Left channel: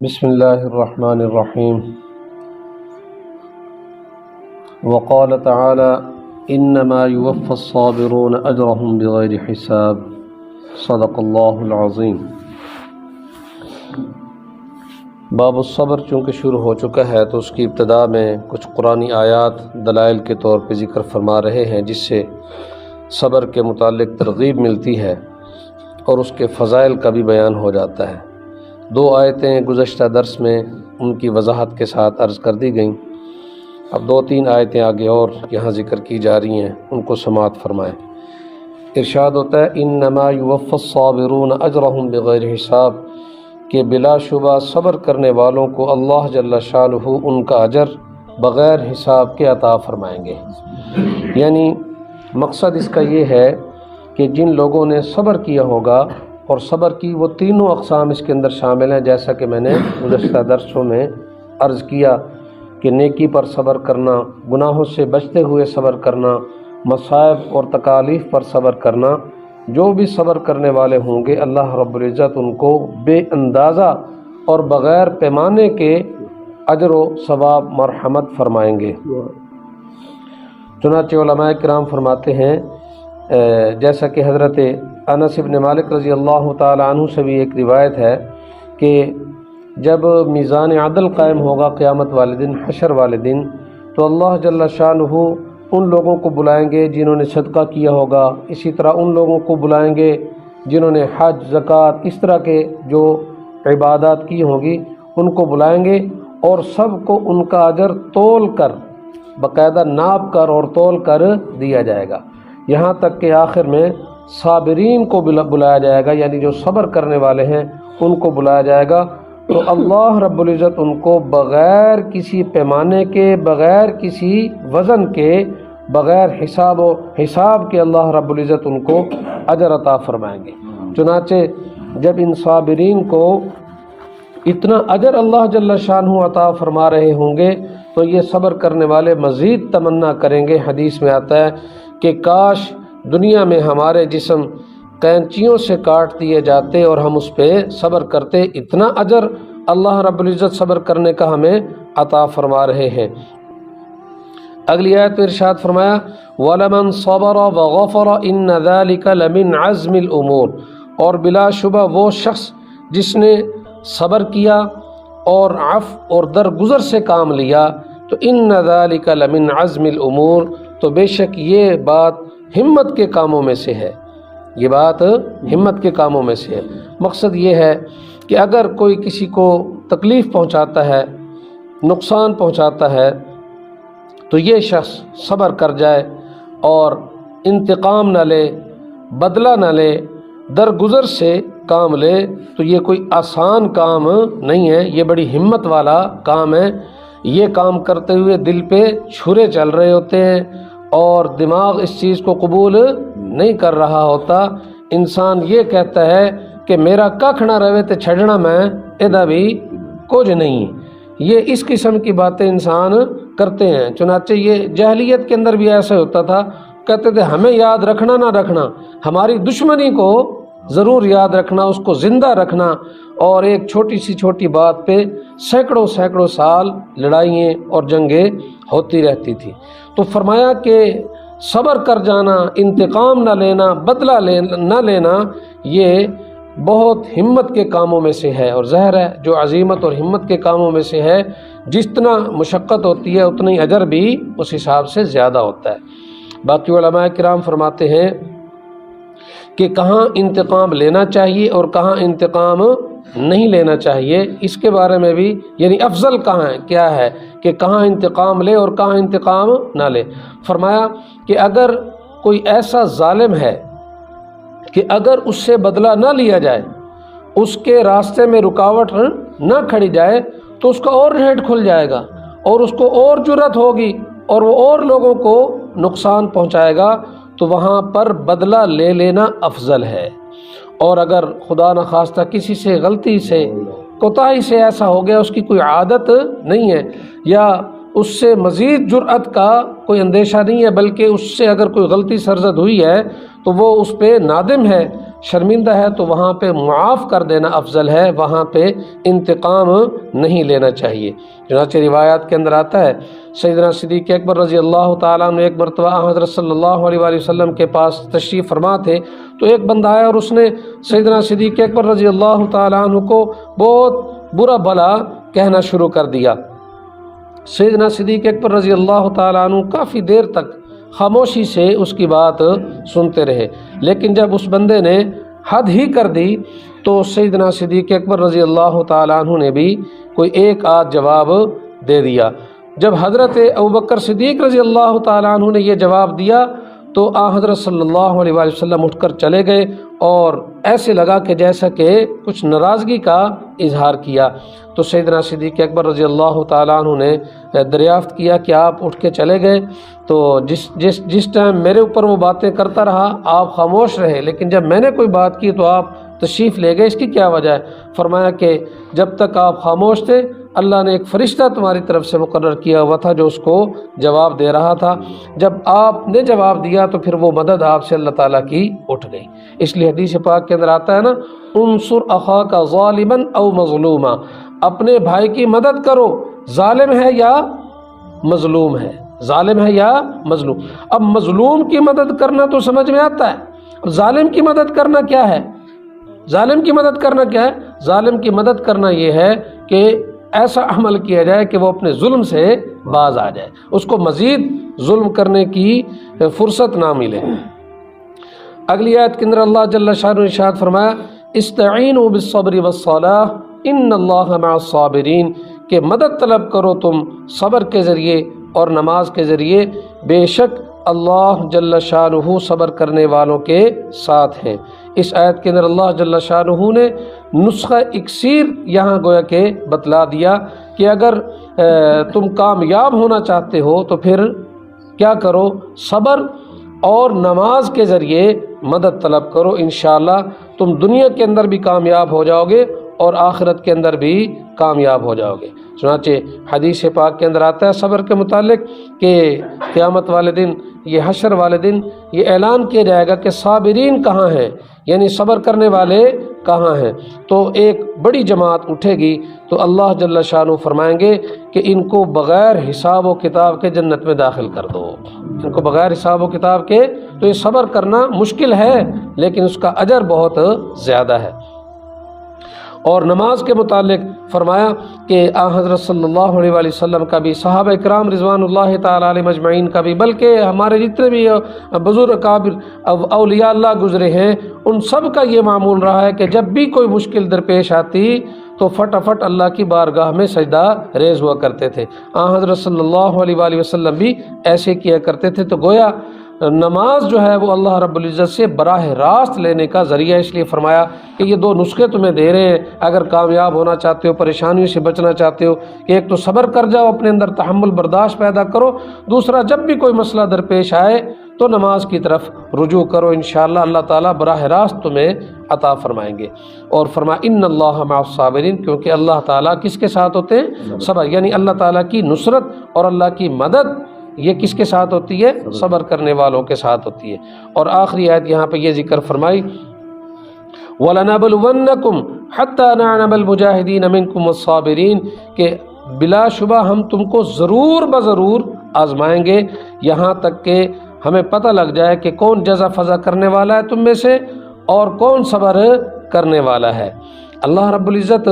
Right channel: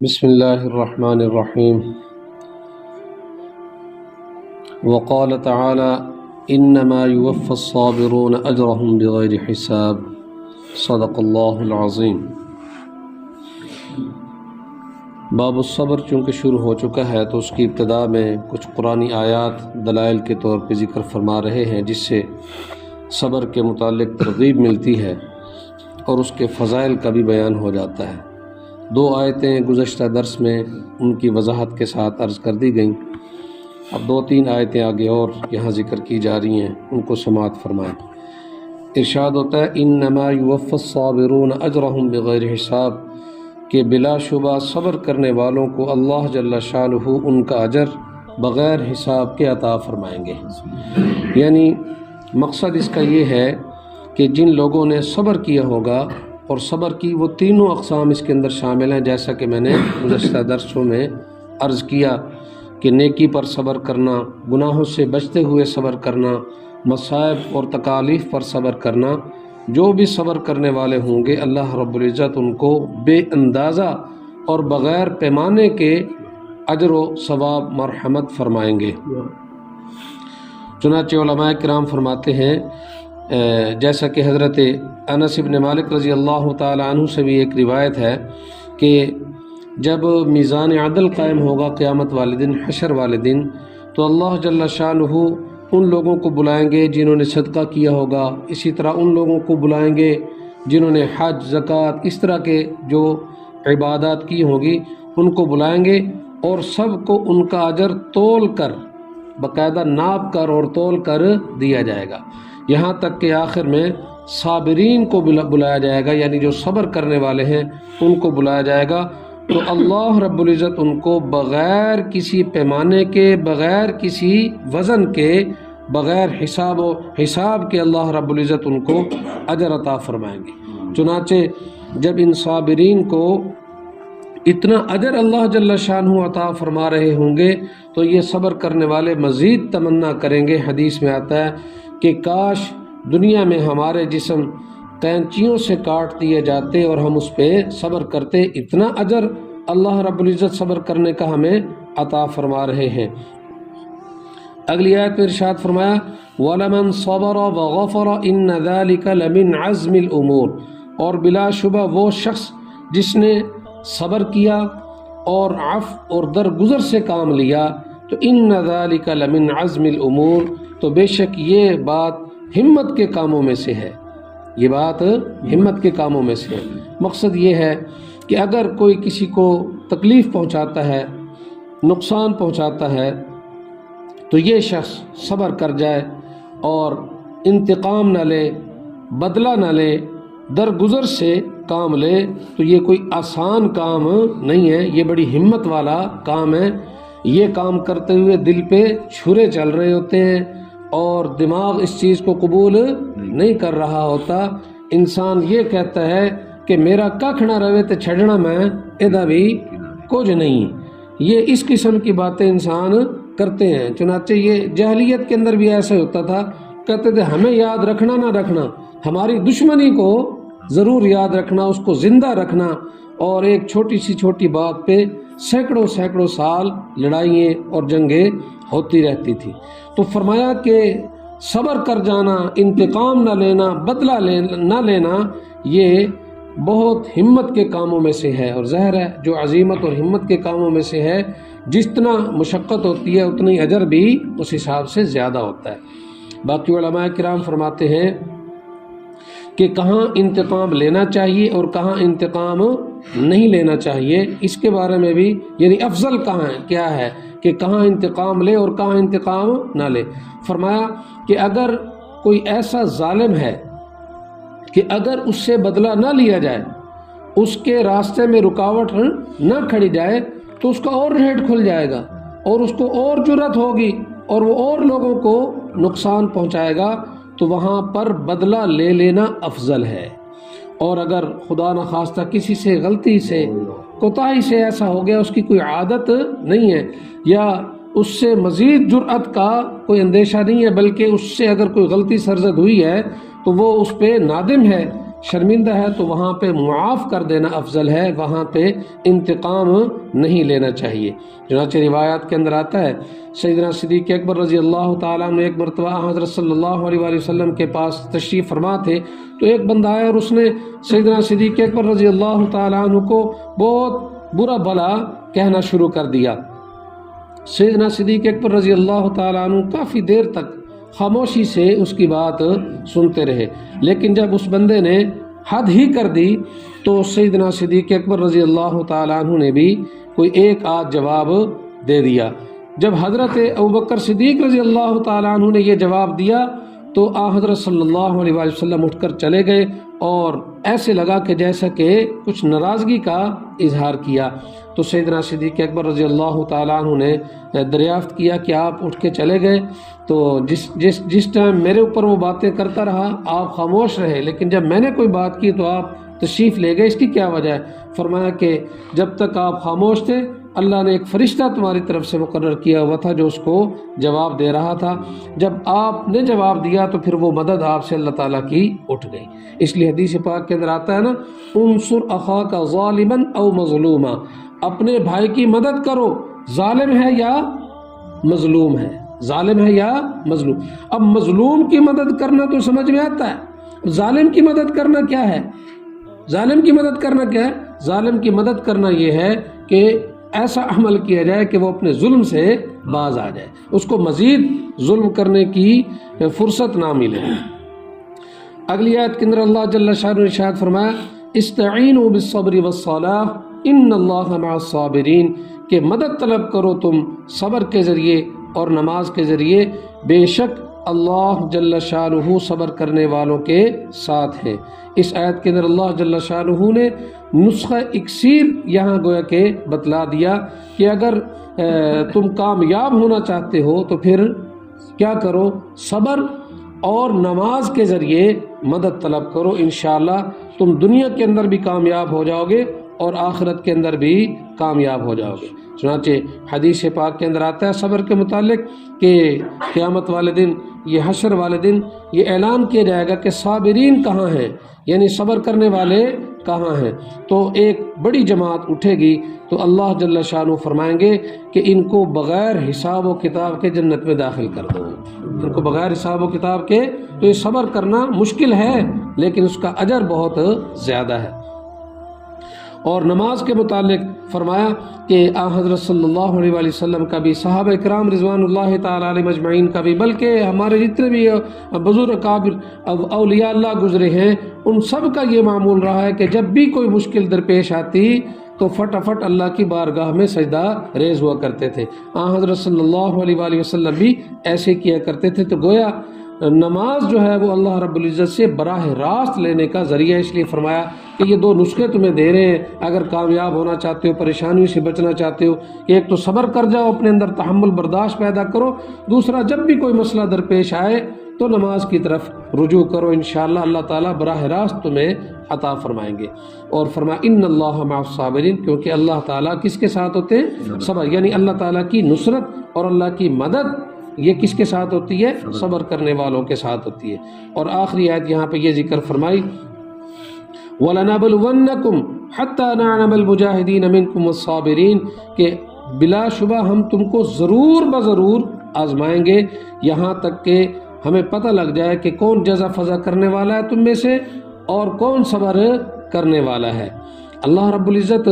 بسم اللہ الرحمن الرحیم وقال تعالی انما يوفى الصابرون اجرهم بغیر حساب صدق اللہ العظیم۔ باب الصبر چونکہ شروع ہو چکا ہے تو اس کی ابتدا میں کچھ قرآنی آیات دلائل کے طور پہ ذکر فرما رہے ہیں، جس سے صبر کے متعلق ترغیب ملتی ہے اور اس کے فضائل کا بھی بیان ہو جاتا ہے۔ دو آیتیں گزشتہ درس میں ان کی وضاحت کے ساتھ عرض کر دی گئیں، اب دو تین آیتیں آگے اور یہاں ذکر کی جا رہی ہیں، ان کو سماعت فرمائیں۔ ارشاد ہوتا ہے انما یوفی الصابرون اجرهم بغیر حساب، کہ بلا شبہ صبر کرنے والوں کو اللہ جل شانہ ان کا اجر بغیر حساب کے عطا فرمائیں گے۔ یعنی مقصد اس کا یہ ہے کہ جن لوگوں نے صبر کیا ہوگا، اور صبر کی وہ تینوں اقسام اس کے اندر شامل ہیں، جیسا کہ میں نے گزشتہ درسوں میں عرض کیا کہ نیکی پر صبر کرنا، گناہوں سے بچتے ہوئے صبر کرنا، مصائب اور تکالیف پر صبر کرنا۔ جو بھی صبر کرنے والے ہوں گے اللہ رب العزت ان کو بے اندازہ اور بغیر پیمانے کے اجر و ثواب مرحمت فرمائیں گے۔ چنانچہ علماء کرام فرماتے ہیں، جیسا کہ حضرت انس بن مالک رضی اللہ تعالی عنہ سے بھی ایک روایت ہے کہ جب میزان عدل قائم ہوگا قیامت والے دن، حشر والے دن، تو اللہ جل شانہ ان لوگوں کو بلائیں گے جنہوں نے صدقہ کیا ہوگا، اسی طرح ان لوگوں کو بلائیں گے جنہوں نے حج، زکوٰۃ، اس طرح کے جو عبادات کی ہوگی ان کو بلائیں گے، اور سب کو ان کا اجر تول کر، باقاعدہ ناپ کر اور تول کر دیا جائے گا، یہاں تک کہ آخر میں صابرین کو بلایا جائے گا، یعنی جو صبر کرنے والے ہیں ان کو بلایا جائے گا، تو اللہ رب العزت ان کو بغیر کسی پیمانے کے، بغیر کسی وزن کے، بغیر حساب کے اللہ رب العزت ان کو اجر عطا فرمائیں گے۔ چنانچہ جب ان صابرین کو اتنا اجر اللہ جل شانہ عطا فرما رہے ہوں گے تو یہ صبر کرنے والے مزید تمنا کریں گے۔ حدیث میں آتا ہے کہ کاش دنیا میں ہمارے جسم قینچیوں سے کاٹ دیے جاتے اور ہم اس پہ صبر کرتے، اتنا اجر اللہ رب العزت صبر کرنے کا ہمیں عطا فرما رہے ہیں۔ اگلی آیت میں ارشاد فرمایا وَلَمَنْ صَبَرَ وَغَفَرَ إِنَّ ذَلِكَ لَمِنْ عَزْمِ الْأُمُورِ، اور بلا شبہ وہ شخص جس نے صبر کیا اور عفو اور درگزر سے کام لیا، تو إِنَّ ذَلِكَ لَمِنْ عَزْمِ الْأُمُورِ، تو بے شک یہ بات ہمت کے کاموں میں سے ہے، یہ بات ہمت کے کاموں میں سے ہے۔ مقصد یہ ہے کہ اگر کوئی کسی کو تکلیف پہنچاتا ہے، نقصان پہنچاتا ہے، تو یہ شخص صبر کر جائے اور انتقام نہ لے، بدلہ نہ لے، درگزر سے کام لے، تو یہ کوئی آسان کام نہیں ہے، یہ بڑی ہمت والا کام ہے۔ یہ کام کرتے ہوئے دل پہ چھرے چل رہے ہوتے ہیں اور دماغ اس چیز کو قبول نہیں کر رہا ہوتا۔ انسان یہ کہتا ہے کہ میرا ککھ نہ رہے تے چھڑنا میں ادا بھی کچھ نہیں، یہ اس قسم کی باتیں انسان کرتے ہیں۔ چنانچہ یہ جاہلیت کے اندر بھی ایسا ہوتا تھا، کہتے تھے ہمیں یاد رکھنا نہ رکھنا، ہماری دشمنی کو ضرور یاد رکھنا، اس کو زندہ رکھنا، اور ایک چھوٹی سی چھوٹی بات پہ سینکڑوں سال لڑائیاں اور جنگیں ہوتی رہتی تھی۔ تو فرمایا کہ صبر کر جانا، انتقام نہ لینا، بدلہ نہ لینا، یہ بہت ہمت کے کاموں میں سے ہے، اور ظاہر ہے جو عزیمت اور ہمت کے کاموں میں سے ہے، جتنا مشقت ہوتی ہے اتنی اجر بھی اس حساب سے زیادہ ہوتا ہے۔ باقی علماء کرام فرماتے ہیں کہ کہاں انتقام لینا چاہیے اور کہاں انتقام نہیں لینا چاہیے، اس کے بارے میں بھی، یعنی افضل کہاں ہے، کیا ہے کہ کہاں انتقام لے اور کہاں انتقام نہ لے۔ فرمایا کہ اگر کوئی ایسا ظالم ہے کہ اگر اس سے بدلہ نہ لیا جائے، اس کے راستے میں رکاوٹ نہ کھڑی جائے، تو اس کا اور ریٹ کھل جائے گا اور اس کو اور جرأت ہوگی اور وہ اور لوگوں کو نقصان پہنچائے گا، تو وہاں پر بدلہ لے لینا افضل ہے۔ اور اگر خدا نخواستہ کسی سے غلطی سے، کوتاہی سے ایسا ہو گیا، اس کی کوئی عادت نہیں ہے یا اس سے مزید جرأت کا کوئی اندیشہ نہیں ہے، بلکہ اس سے اگر کوئی غلطی سرزد ہوئی ہے تو وہ اس پہ نادم ہے شرمندہ ہے تو وہاں پہ معاف کر دینا افضل ہے، وہاں پہ انتقام نہیں لینا چاہیے۔ چنانچہ روایات کے اندر آتا ہے سیدنا صدیق اکبر رضی اللہ تعالیٰ عنہ ایک مرتبہ حضرت صلی اللہ علیہ وآلہ وسلم کے پاس تشریف فرما تھے، تو ایک بندہ آیا اور اس نے سیدنا صدیق اکبر رضی اللہ تعالیٰ عنہ کو بہت برا بھلا کہنا شروع کر دیا۔ سیدنا صدیق اکبر رضی اللہ تعالیٰ عنہ کافی دیر تک خاموشی سے اس کی بات سنتے رہے، لیکن جب اس بندے نے حد ہی کر دی تو سیدنا صدیق اکبر رضی اللہ تعالیٰ عنہ نے بھی کوئی ایک آدھ جواب دے دیا۔ جب حضرت ابوبکر صدیق رضی اللہ تعالیٰ عنہ نے یہ جواب دیا تو حضرت صلی اللہ علیہ وآلہ وسلم اٹھ کر چلے گئے، اور ایسے لگا کہ جیسا کہ کچھ ناراضگی کا اظہار کیا۔ تو سیدنا صدیق اکبر رضی اللہ تعالیٰ عنہ نے دریافت کیا کہ آپ اٹھ کے چلے گئے، تو جس ٹائم میرے اوپر وہ باتیں کرتا رہا آپ خاموش رہے، لیکن جب میں نے کوئی بات کی تو آپ تشریف لے گئے، اس کی کیا وجہ ہے؟ فرمایا کہ جب تک آپ خاموش تھے اللہ نے ایک فرشتہ تمہاری طرف سے مقرر کیا ہوا تھا جو اس کو جواب دے رہا تھا، جب آپ نے جواب دیا تو پھر وہ مدد آپ سے اللہ تعالیٰ کی اٹھ گئی۔ اس لیے حدیث پاک کے اندر آتا ہے نا، انصر اخاک ظالما او مظلوما، اپنے بھائی کی مدد کرو، ظالم ہے یا مظلوم ہے، ظالم ہے یا مظلوم۔ اب مظلوم کی مدد کرنا تو سمجھ میں آتا ہے، ظالم کی مدد کرنا کیا ہے؟ ظالم کی مدد کرنا کیا ہے؟ ظالم کی مدد کرنا یہ ہے کہ ایسا عمل کیا جائے کہ وہ اپنے ظلم سے باز آ جائے، اس کو مزید ظلم کرنے کی فرصت نہ ملے۔ اگلی آیت کے اندر اللہ جل شانہ نے ارشاد فرمایا استعینوا بالصبر والصلاۃ ان اللہ مع الصابرین، کہ مدد طلب کرو تم صبر کے ذریعے اور نماز کے ذریعے، بے شک اللہ جل شانہ صبر کرنے والوں کے ساتھ ہیں۔ اس آیت کے اندر اللہ جل شانہ نے نسخہ اکسیر یہاں گویا کہ بتلا دیا کہ اگر تم کامیاب ہونا چاہتے ہو تو پھر کیا کرو؟ صبر اور نماز کے ذریعے مدد طلب کرو، انشاءاللہ تم دنیا کے اندر بھی کامیاب ہو جاؤ گے اور آخرت کے اندر بھی کامیاب ہو جاؤ گے۔ چنانچہ حدیث پاک کے اندر آتا ہے صبر کے متعلق کہ قیامت والے دن، یہ حشر والے دن، یہ اعلان کیا جائے گا کہ صابرین کہاں ہیں، یعنی صبر کرنے والے کہاں ہیں؟ تو ایک بڑی جماعت اٹھے گی تو اللہ جل شانہ فرمائیں گے کہ ان کو بغیر حساب و کتاب کے جنت میں داخل کر دو، ان کو بغیر حساب و کتاب کے۔ تو یہ صبر کرنا مشکل ہے لیکن اس کا اجر بہت زیادہ ہے۔ اور نماز کے متعلق فرمایا کہ حضرت صلی اللہ علیہ وآلہ وسلم کا بھی، صحابہ کرام رضوان اللہ تعالیٰ علیہ مجمعین کا بھی، بلکہ ہمارے جتنے بھی بزرگ اکابر اولیاء اللہ گزرے ہیں ان سب کا یہ معمول رہا ہے کہ جب بھی کوئی مشکل درپیش آتی تو فٹافٹ اللہ کی بارگاہ میں سجدہ ریز ہوا کرتے تھے۔ حضرت صلی اللہ علیہ وآلہ وسلم بھی ایسے کیا کرتے تھے۔ تو گویا نماز جو ہے وہ اللہ رب العزت سے براہ راست لینے کا ذریعہ، اس لیے فرمایا کہ یہ دو نسخے تمہیں دے رہے ہیں اگر کامیاب ہونا چاہتے ہو، پریشانیوں سے بچنا چاہتے ہو، کہ ایک تو صبر کر جاؤ، اپنے اندر تحمل برداشت پیدا کرو، دوسرا جب بھی کوئی مسئلہ درپیش آئے تو نماز کی طرف رجوع کرو، انشاءاللہ اللہ تعالیٰ براہ راست تمہیں عطا فرمائیں گے۔ اور فرمایا ان اللہ مع الصابرین، کیونکہ اللہ تعالیٰ کس کے ساتھ ہوتے ہیں؟ صبر، یعنی اللہ تعالیٰ کی نصرت اور اللہ کی مدد یہ کس کے ساتھ ہوتی ہے؟ صبر کرنے والوں کے ساتھ ہوتی ہے۔ اور آخری آیت یہاں پہ یہ ذکر فرمائی وَلَنَبْلُوَنَّكُمْ حَتَّى نَعْلَمَ الْمُجَاهِدِينَ مِنْكُمْ وَالصَّابِرِينَ، کہ بلا شبہ ہم تم کو ضرور بضرور آزمائیں گے یہاں تک کہ ہمیں پتہ لگ جائے کہ کون جزا فضا کرنے والا ہے تم میں سے اور کون صبر کرنے والا ہے۔ اللہ رب العزت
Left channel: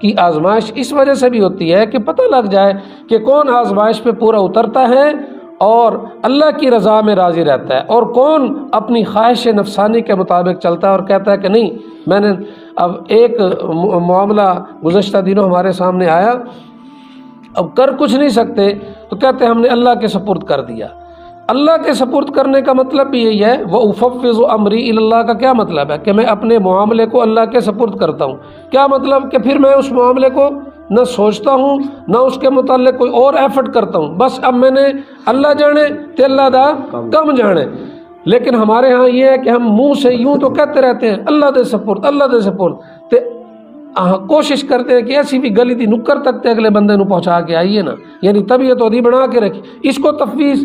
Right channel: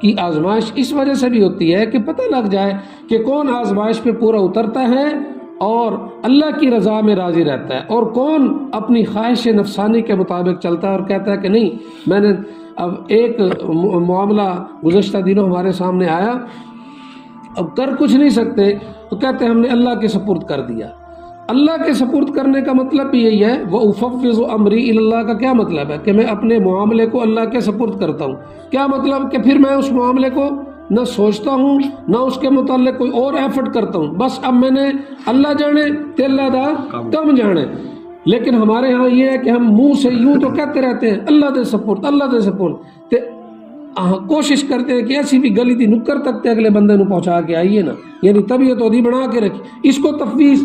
کی آزمائش اس وجہ سے بھی ہوتی ہے کہ پتہ لگ جائے کہ کون آزمائش پہ پورا اترتا ہے اور اللہ کی رضا میں راضی رہتا ہے، اور کون اپنی خواہش نفسانی کے مطابق چلتا ہے اور کہتا ہے کہ نہیں میں نے اب ایک معاملہ گزشتہ دنوں ہمارے سامنے آیا، اب کر کچھ نہیں سکتے تو کہتے ہیں ہم نے اللہ کے سپرد کر دیا۔ اللہ کے سپرد کرنے کا مطلب بھی یہی ہے، وَأُفَوِّضُ أَمْرِي إِلَى اللَّهِ کا کیا مطلب ہے؟ کہ میں اپنے معاملے کو اللہ کے سپرد کرتا ہوں۔ کیا مطلب؟ کہ پھر میں اس معاملے کو نہ سوچتا ہوں نہ اس کے متعلق کوئی اور ایفرٹ کرتا ہوں، بس اب میں نے اللہ جانے کہ اللہ دا کم جانے۔ لیکن ہمارے ہاں یہ ہے کہ ہم منہ سے یوں تو کہتے رہتے ہیں اللہ دے سپرد، اللہ دے سپرد، کوشش کرتے ہیں کہ ایسی بھی گلی دی نکر تک تے اگلے بندے نو پہنچا کے آئیے نا، یعنی طبیعت ودی بنا کے رکھی، اس کو تفویض